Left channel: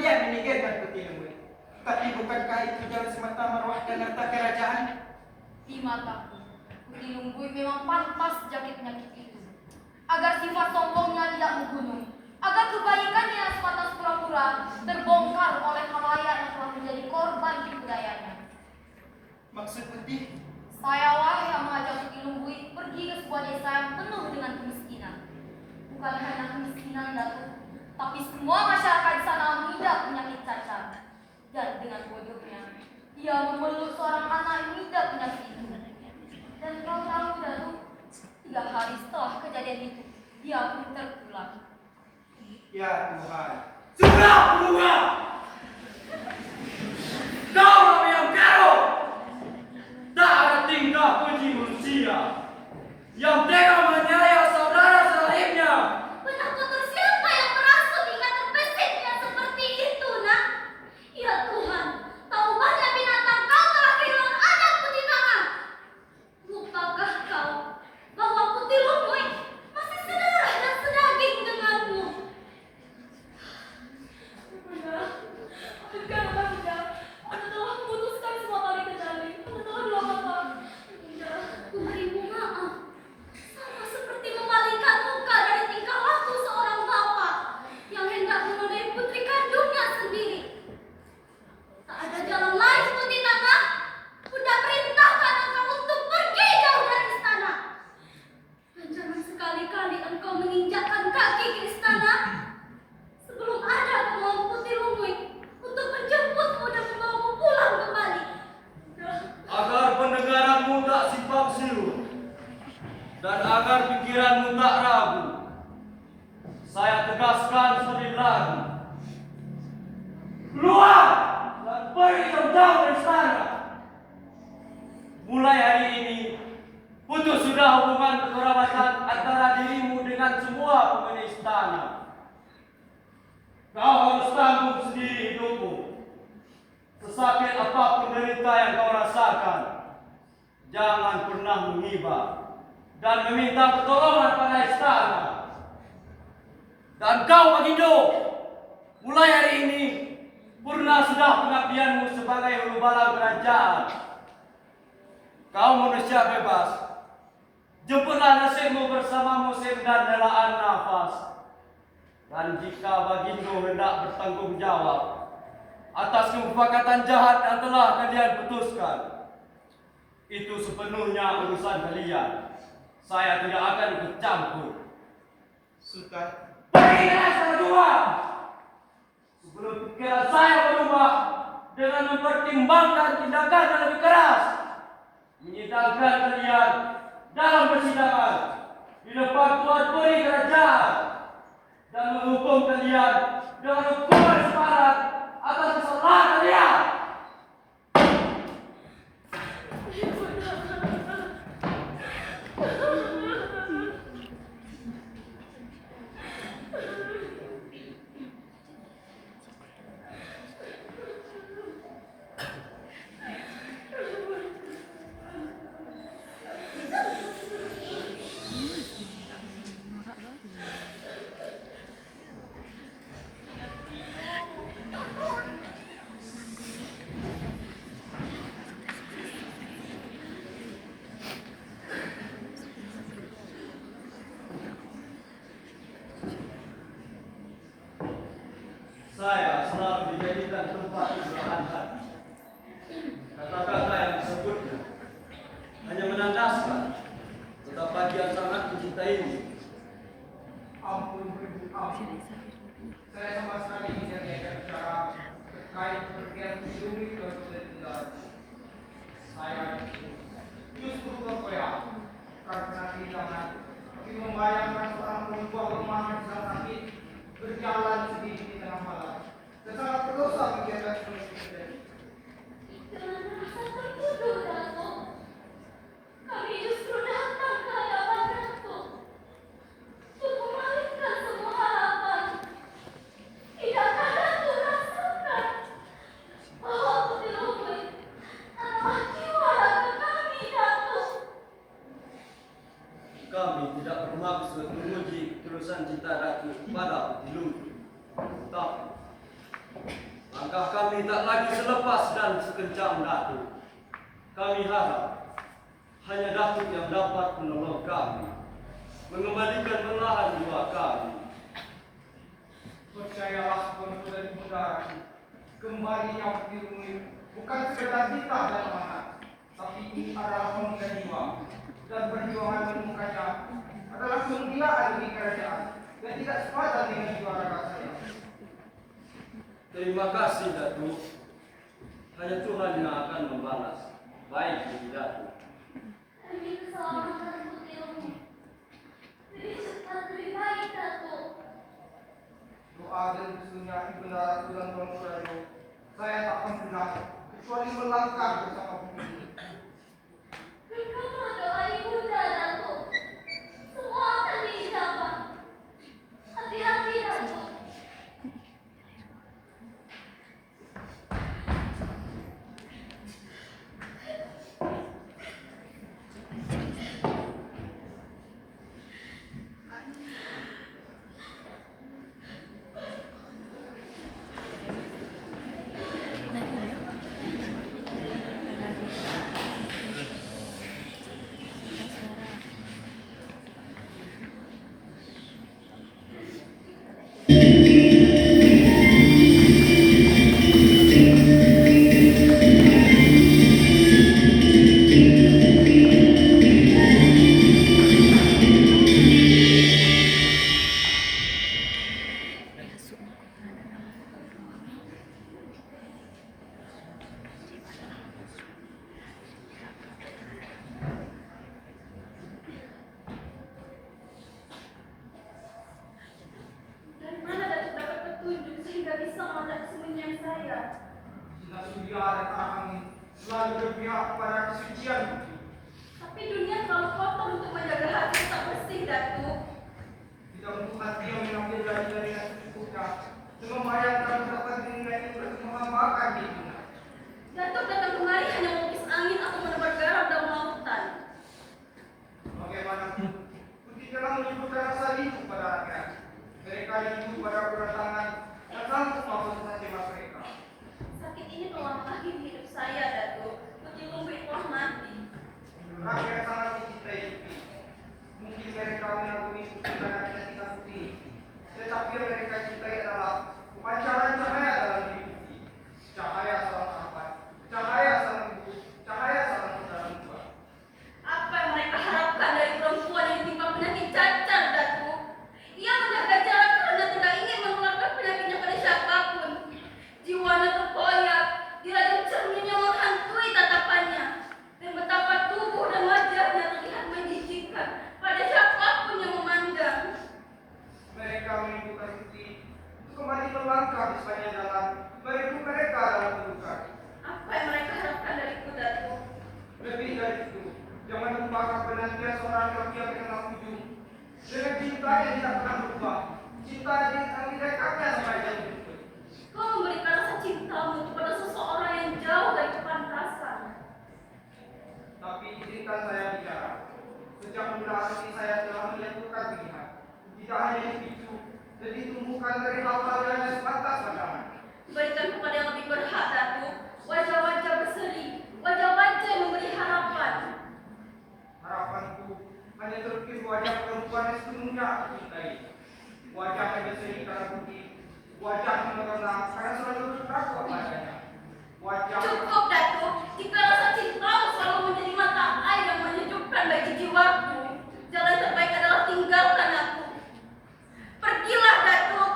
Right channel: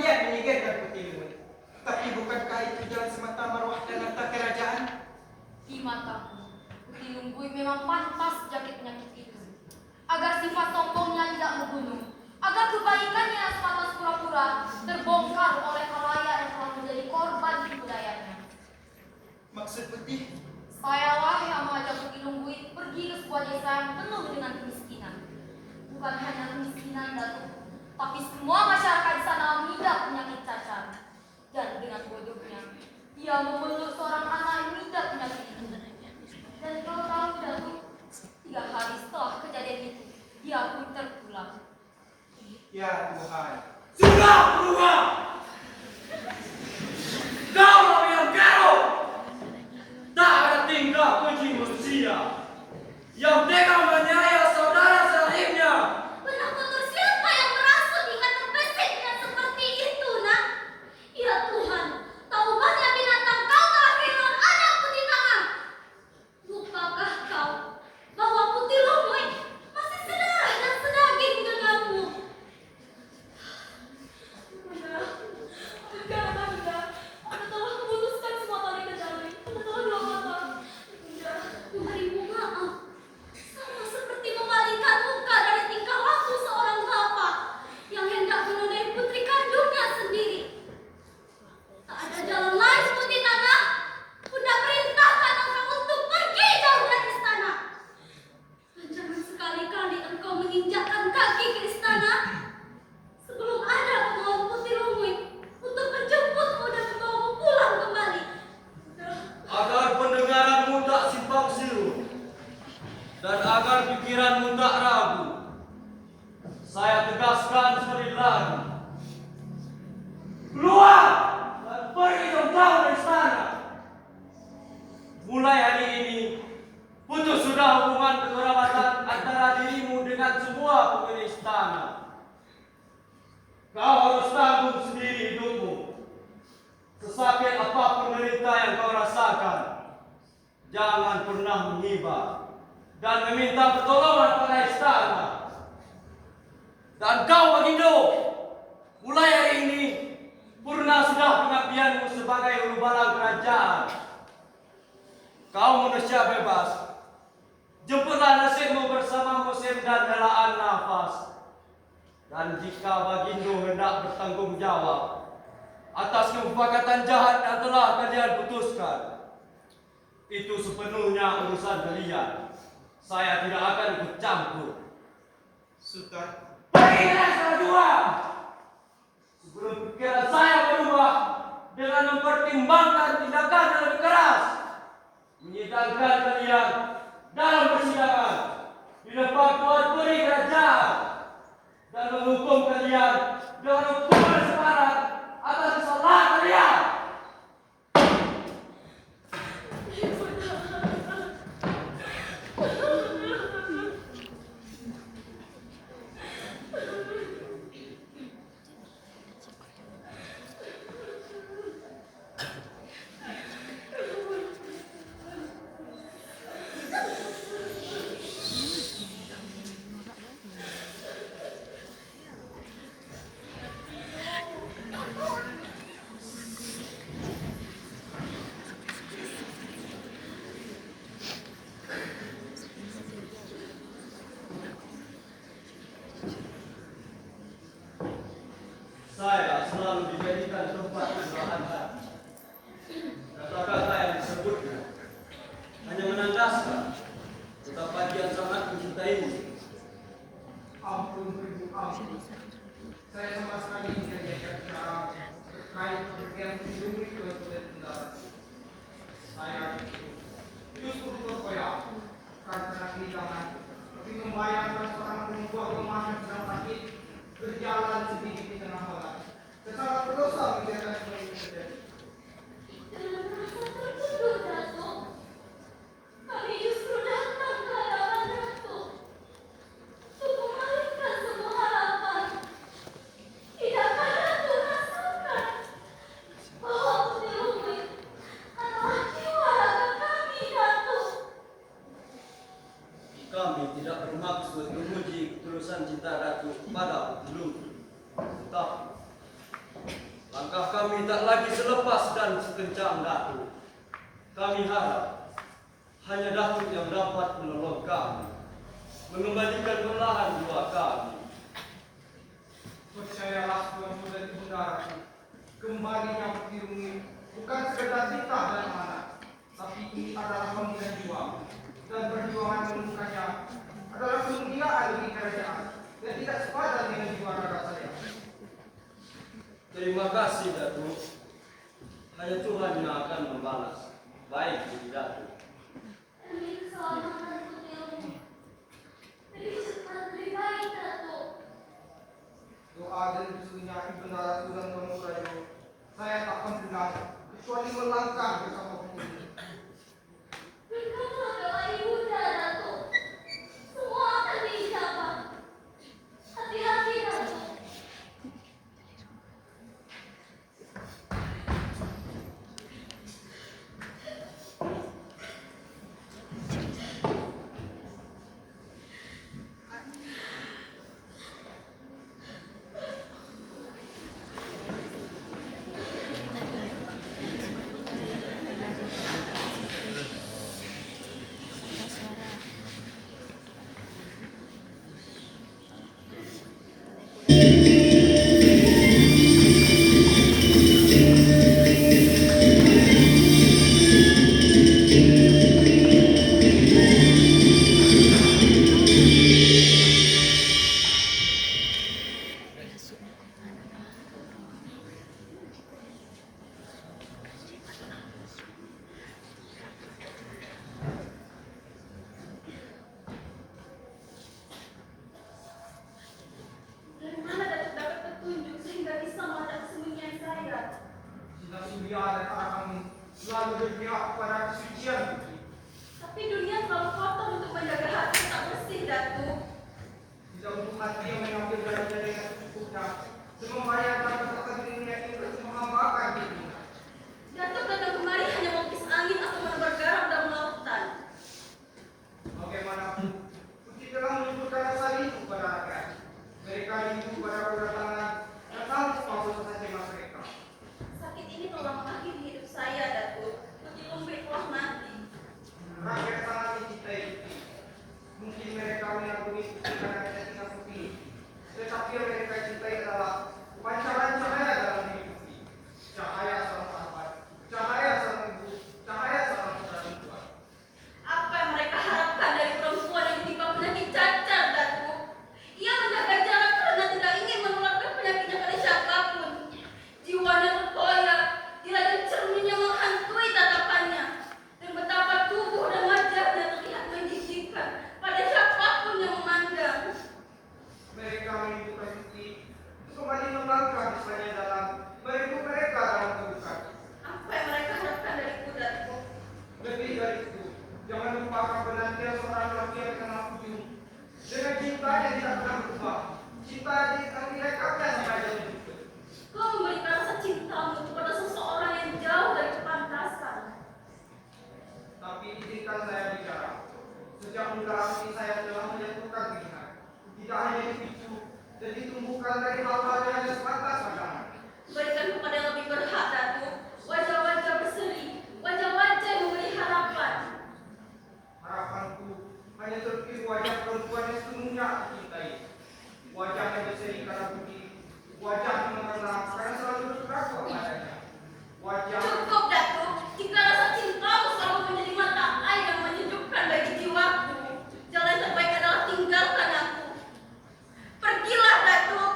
kalian meninggalkan peti lumut. Tapi bukankah itu jalan semata marwah dan harta kerajaan? Di mataku, peti lumut memang pantas jangkit penyakit itu. Agar sifat sombongnya tidak menggunung, agar kebaikannya yang sebatas pura-pura terbongkar oleh khalayak yang telah menjadi korban tipu dayanya. Maksud putih? Saya lah yang mengajak peti lumut pergi ke sebuah desa yang penuh dengan kemiskinan. Bukan hanya kemiskinan, Datuk, tapi semua masyarakat di sana mengidap penyakit cacar. Dan dengan bodohnya, dia memeluk seorang anak yang mengidap penyakit itu. Dan kau tahu, Datuk, 3 hari setelah kejadian itu, dia pun tertular. Ya Tuhan. Sudah keluar! Kau orang yang garuk! Tak ada tingkah keji manusia yang tega menganiaya saudara selainnya. Benak kotor siapa yang merasuk hingga terbesiknya seperti itu, nak? Ya Tuhan, tak ubahnya binatang kau telah kehilangan anak putih tangan. Lupakah kau bahwa putih lumut masih sedarah dan sedaging denganmu? Bunda, Anda telah memutuskan semua tali kendali. Anda telah dua mata. Bunda, berimu maaf. Sama seperti memalingkan muka dari tingkah laku seorang bapak yang hendak menodai putri kandungnya sendiri. Tak ada jalan lain, Putih Tangan. Bunda perintahkan engkau untuk pergi jauh dari istana. Dan jangan sekali-kali engkau menginjakkan kaki ke istana sebelum ada kemauan Putih Lumut untuk menjemputmu dan membawamu pulang kembali. Agar pendengaranmu tak simpang siur dan agar pikiranmu tak ragu, saya tegaskan seperti tadi. Keluar dan pergi jauh-jauh dari istana. Mulai hari ini, putus sudah hubungan kekerabatan antara dirimu dengan semua penghuni istana. Kau harus tanggung sendiri hidupmu. Sesakit apapun derita yang kau rasakan, jangan pernah menghibah dan meminta pertolongan pada istana. Dan kau Bagindo, mulai hari ini purna sudah pengabdianmu sebagai ulu balang kerajaan. Kau manusia bebas. Jemputlah nasibmu bersama musim dan helaan nafas. Dan jika Bagindo hendak bertanggung jawab atas kesepakatan jahat yang telah kalian putuskan, itu sepenuhnya urusan kalian. Saya tidak akan ikut campur. Sultan. Pergilah salah dua. Sebelum pikiran saya berubah dengan mempertimbangkan tindakan yang lebih keras, menyidangkan kalian dalam persidangan di depan tuan peri kerajaan dan menghukum kalian dengan hukuman separat atas kesalahan kalian. Saya selalu dijadikan tempat istirahat. Kata-kata yang disebutnya hanya menandaskan betapa dia sangat mencintaimu. Ampun, Ibu, ampun. Saya sama sekali tidak diajak bicara terkait pekerjaan hidup itu sudah. Saya justru terkoyak karena kehilangan. Tapi membayangkan seorang perempuan rumah yang sedang sakit berjalan sendiri di tengah malam. Sangat berdosa membiarkan seperti ini terjadi. Jangan merasa tertuduh, Datuk. Kami justru datang ke hadapan Datuk untuk memalingkan semua harapan. Tidakkah Datuk rasakan bahwa Putih Lumut adalah jiwa raga kami, Datuk? Kami tidak bermaksud menguji ketulusan cinta Datuk pada Putih Lumut. Tapi Langkah kami tak lagi selepas dan sekencang Datuk. Kami harap hanya Datuk yang dapat menolong kami, mengembalikan belahan jiwa kami. Percayalah Tuan Muda di Bunda, kembalinya Pirungi bukan sekedar cinta dan amanah, tapi ini adalah pembela jiwa, dan perjuangan menemukannya adalah kemuliaan bagi kerajaan dan tidak sepadan dengan jiwa raga saya. Terima kasih Datuk. Hanya Tuhan yang akan membalas. Baik Datuk. Demi keselamatan putrimu. Lebih cepat lebih baik, Datuk. Doa dan bisunya Ibunda Ratu dan Tuan Murajo, saya tak akan bilang kecuali melangkah bersama Pirungi. Berikutlah doa ibunda, Datuk. Semua akan diijabah. Hati-hati, Datuk. Dari mana Datuk dapat petunjuk sehingga bisa meledak sembunyian saya? Cina Surya dan Arahang selalu berpihak kepada kesucian Putri. Tapi dunia terlalu kotor untuk menjaga hati tak bersih, Datuk. Tidak untuk hati yang mengambil darinya dengan secukupnya, semembayangkan betapa dirinya ingin menghambakan dirinya. Datuk datang kemari hanya melukis angin atau menebar garam dalam lautan. Bagaimanapun, Putri telah menyebutkan rasa rindu pada rakyat. Mereka rindu pada kedatangan dan sanggup mampu saja mereka. Sakit ini telah mengakhiri hidup saya, Datuk. Lebih memberi telah mati. Rakyat sangat mencintai Putri. Mungkin mereka mengagumi Putri karena kecantikan Putri, tetapi yang mereka cintai adalah pancaran cahaya dalam diri Putri. Cahaya seorang sahabat, cahaya seorang ibu, cahaya seorang saudara tua. Apa yang mereka harapkan dari perempuan yang ditimpa penyakit cacar, Datuk? Ia menjaga jarak karena tidak ingin menularkan penyakitnya pada siapapun. Jiwanya terkoyak, dirajam cermin yang menghantui tatapannya. Dan betapa tubuh dan wajahnya terlihat menjijikan pada siapapun yang memandang. Mereka merindukan Putri untuk kembali melangkah di sepanjang jalan, merindu mereka dalam kedudukan. Apa yang mereka harapkan dariku, Datuk? Lebih dari itu, jangan lupakan penantian seorang lelaki yang dikenal ujung. Dengan cinta yang tidak pernah berubah, cinta yang tidak kakek sampai dia berikut. Kau memberikan rasa cintamu kepada seseorang yang jauh dari kepantasan. Tapi izinkan saya bicara. Sejak muda hati saya telah menjatuhkan pilihan. Tidak hanya dipicu dan ditumbuhkan dari hal-hal yang hanya sebatas pandangan. Berikan kepada yang lebih berhak, Datuk. Wajah-wajah berseri, wajah-wajah yang memberi harapan. Harapanku hanya terukir wajah perempuan yang sepenuhnya aku cintai. Wajah yang berseri karena budi, wajah yang mengenang karena selalu bertakwa padanya. Wajah Cukup, Datuk. Jika rasa cintamu selalu menjadi mata air yang menyejukkan bagi jiwaku, jalan terbaik adalah tinggalkan aku. Pergilah, Datuk.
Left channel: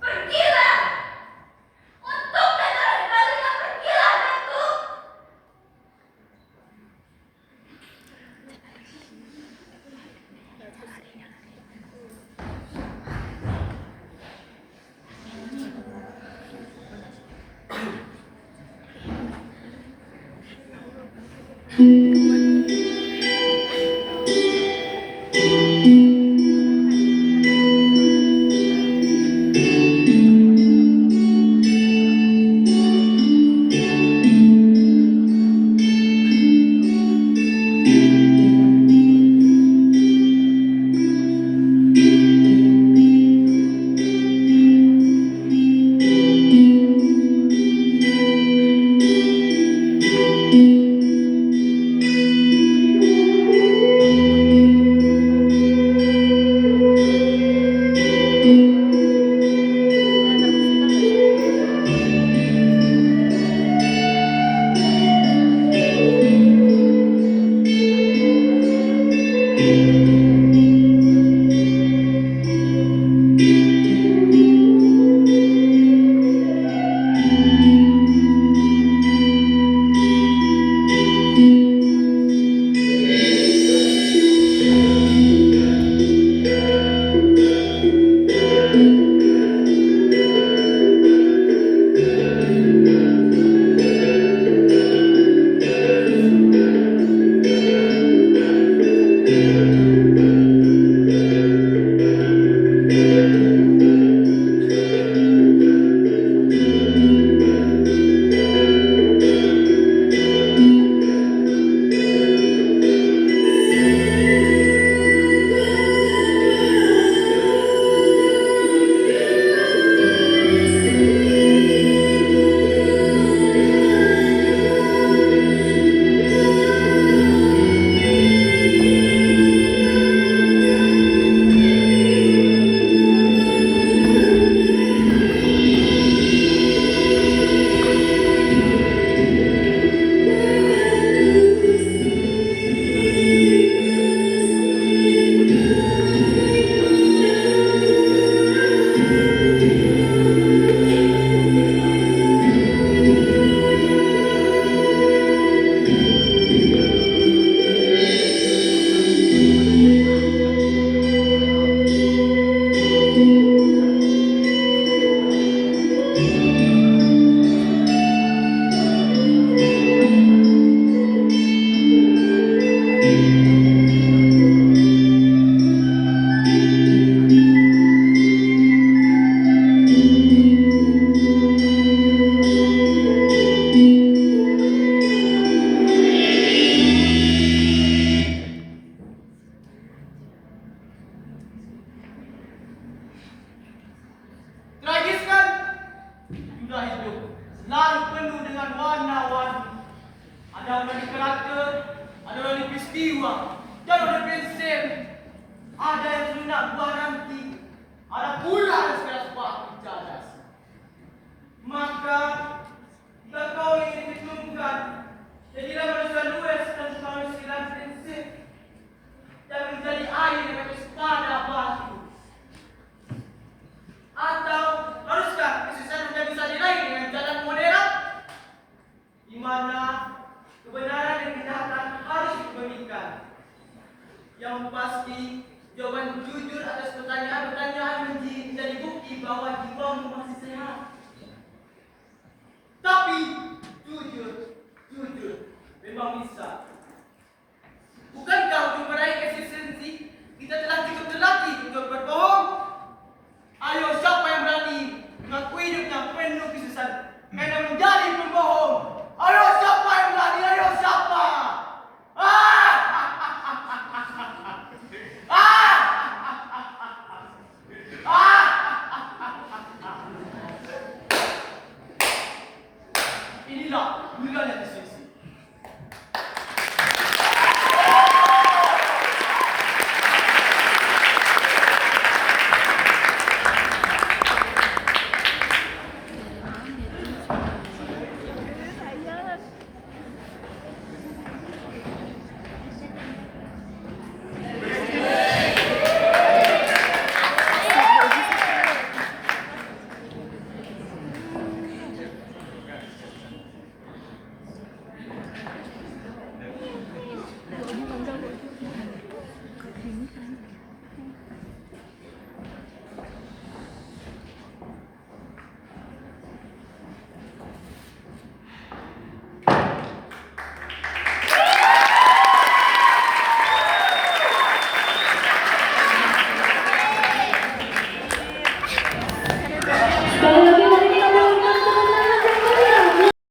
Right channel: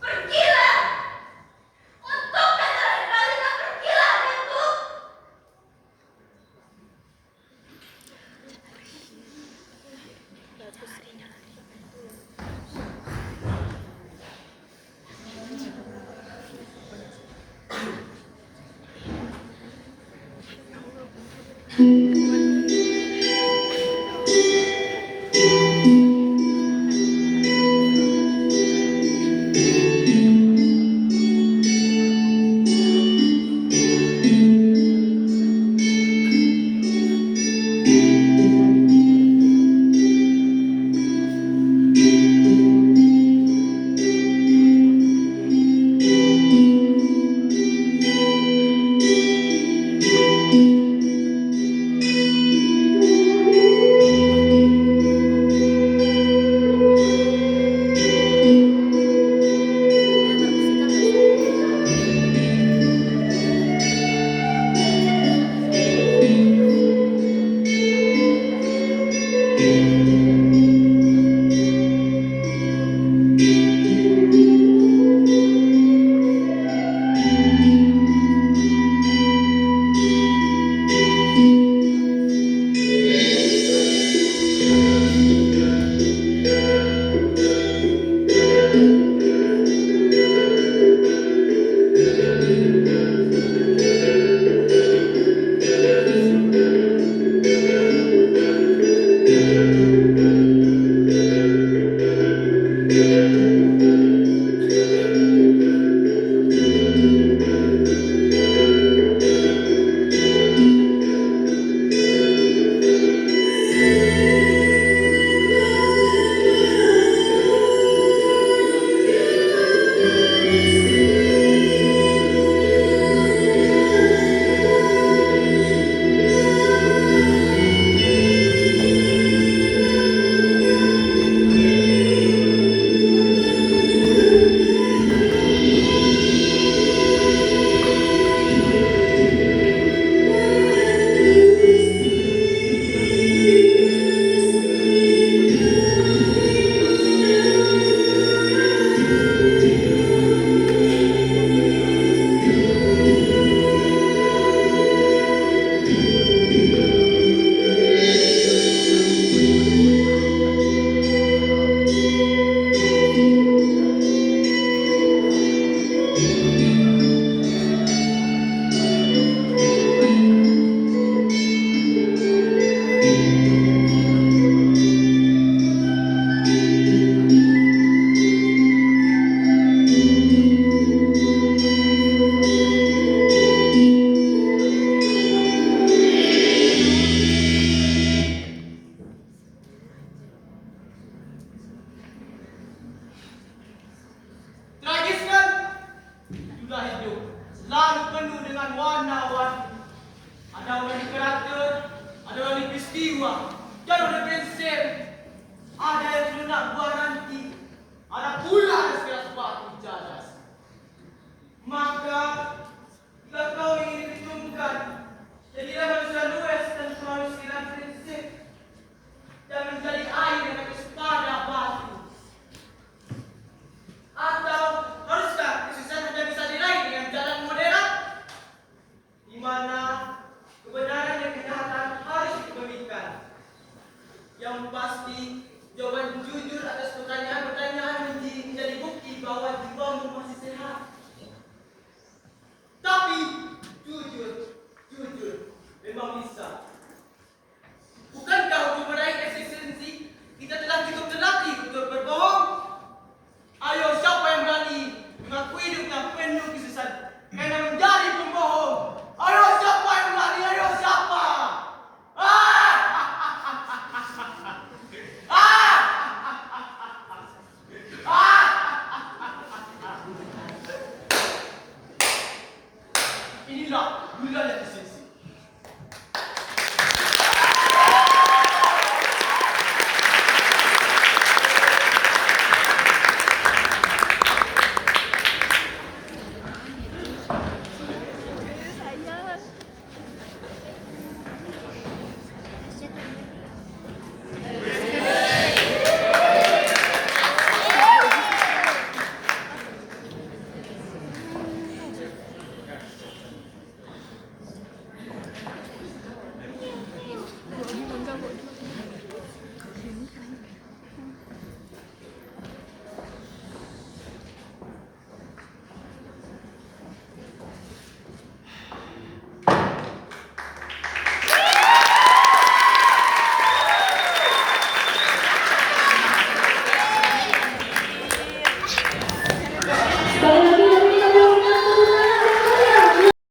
Pergilah. Untuk yang terakhir kalinya, pergilah, Datuk. peristiwa, jalur prinsip. Ada yang lunak buah nanti, ada pula yang sekelas batu jadas. Maka jika kau ingin diperhitungkan, jadilah manusia luas dan selalu sekitar prinsip dan menjadi air yang bersetada batu. Atau haruskah kesusahan Anda bisa diraih dengan jalan modern, di mana kebenaran dan kejahatan harus diberikan? Yang pasti, jawaban jujur atas pertanyaan-pertanyaan menjadi bukti bahwa jiwamu masih sehat. Tapi jujur memang bisa